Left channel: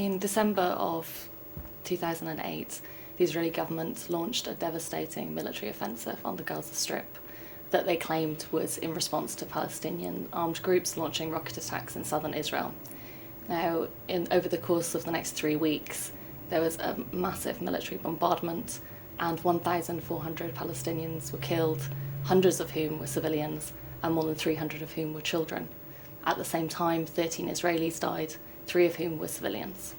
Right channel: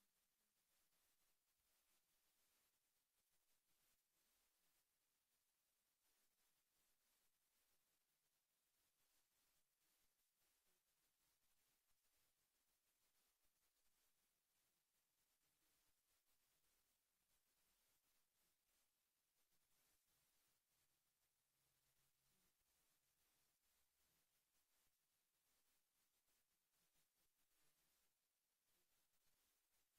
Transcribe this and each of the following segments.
In December of 2008, the Israeli government launched a devastating military offensive on the Gaza Strip that they claimed was in response to Palestinian armed groups launching rocket attacks in southern Israel. Now, over the course of the next 3 weeks, there was a massive military bombardment and 1,400 Palestinians were killed, hundreds of whom were civilians and more than 300 of whom were children. At the same time, 13 Israelis died, 3 of whom were civilians.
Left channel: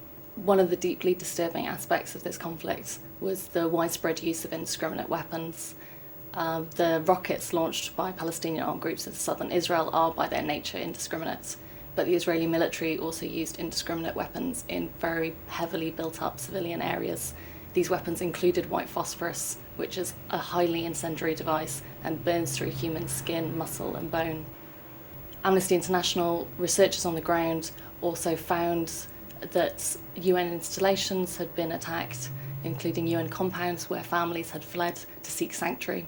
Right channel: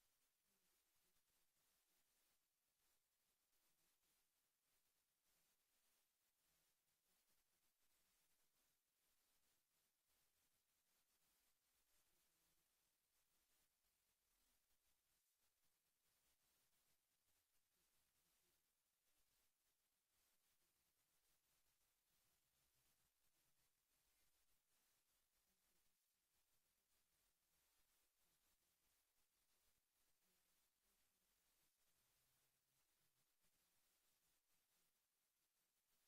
One of the deeply disturbing aspects of this conflict was the widespread use of indiscriminate weapons. The rockets launched by Palestinian armed groups in southern Israel are by their nature indiscriminate, but the Israeli military also used indiscriminate weapons in very heavily built up civilian areas. These weapons included white phosphorus, which is a highly incendiary device and burns through human skin, muscle and bone. Amnesty International researchers on the ground also found that UN installations had been attacked, including UN compounds where families had fled to seek sanctuary.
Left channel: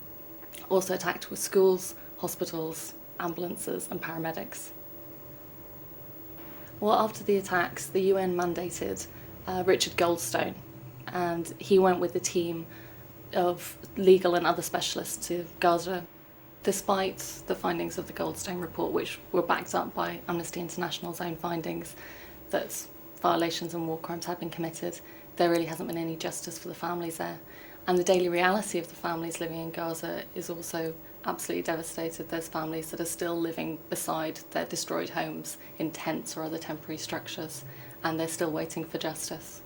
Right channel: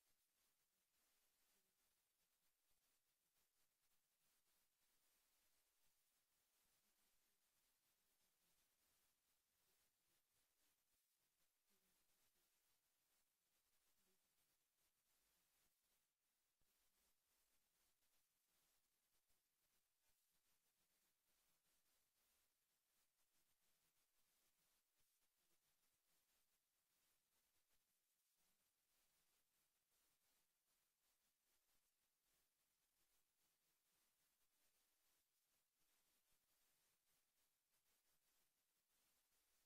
Also attacked were schools, hospitals, ambulances and paramedics. Well, after the attacks, the UN mandated Richard Goldstone, and he went with a team of legal and other specialists to Gaza. Despite the findings of the Goldstone report, which were backed up by Amnesty International's own findings that violations and war crimes have been committed, there really hasn't been any justice for the families there. And the daily reality of the families living in Gaza is also absolutely devastated. There's families that are still living beside their destroyed homes in tents or other temporary structures, and they're still waiting for justice.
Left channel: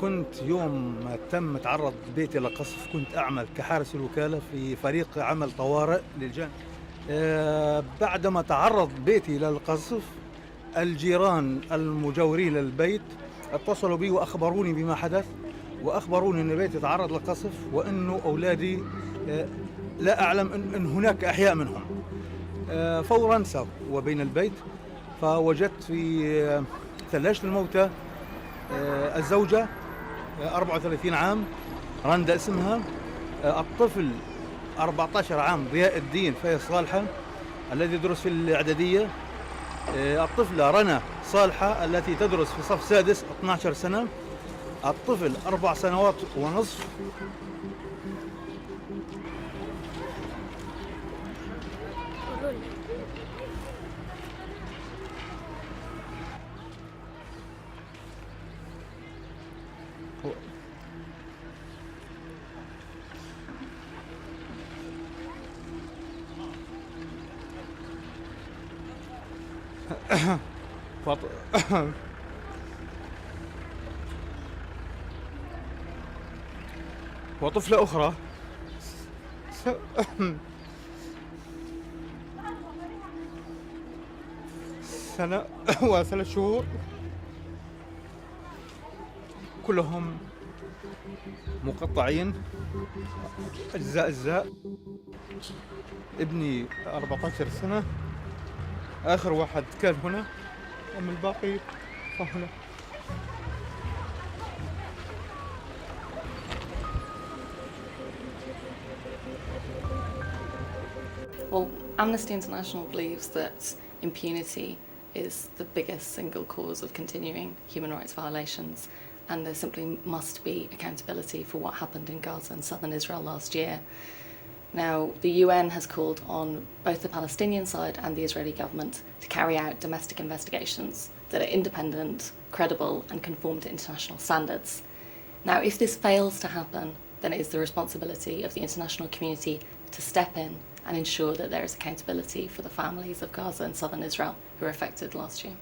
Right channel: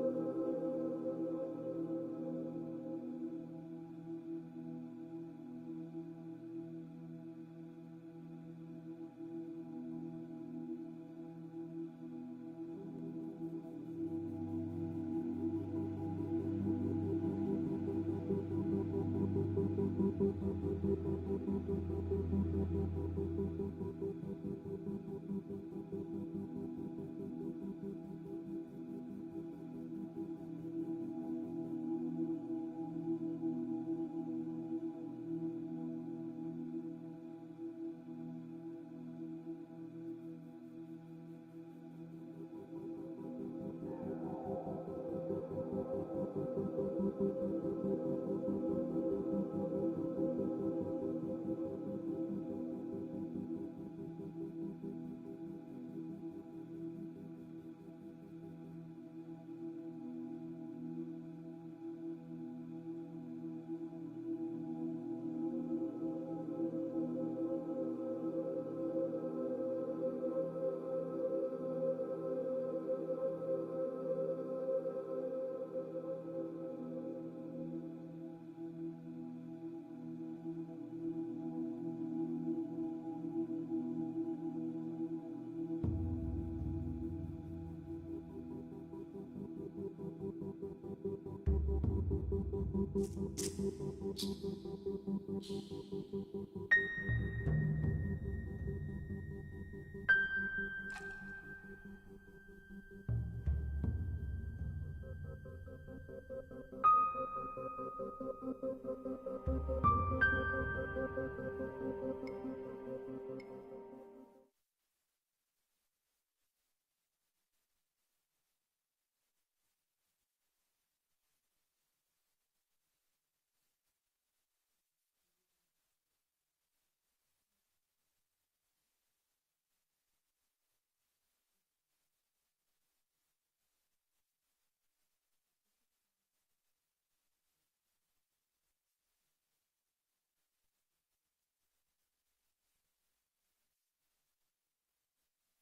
كنت يوم تم تعرض بيتي لقصف كنت أعمل كحارس الوكالة في فريق عمل طوارئ للجان. بعدما تعرض بيتي للقصف الجيران المجاورين للبيت اتصلوا بي وأخبروني بما حدث، وأخبروني أن بيتي تعرض للقصف وأنه أولادي لا أعلم أن هناك أحياء منهم. فورا سافروا بين البيت فوجدت في ثلاجة الموتى الزوجة 34 عام رندا اسمها، الطفل 14 عام ضياء الدين فايز صالحة الذي يدرس في الإعدادية، الطفلة رنا صالحة التي تدرس في صف سادس 12 سنة، الطفل 4 سنوات ونصف. وطفلة أخرى سنة و3 شهور، كلهم مقطعين أجزاء. ابني 14 سنة، آخر واحد كان هنا، أما الباقي فهنا. Well, Amnesty International believes that impunity is the biggest single cause of continuing human rights violations, and there simply must be accountability for what happened in Gaza and southern Israel last year. Now, the UN has called on both the Palestinian side and the Israeli government to carry out domestic investigations that are independent, credible, and conform to international standards. Now, if this fails to happen, then it is the responsibility of the international community to step in and ensure that there is accountability for the families of Gaza and southern Israel who were affected last year.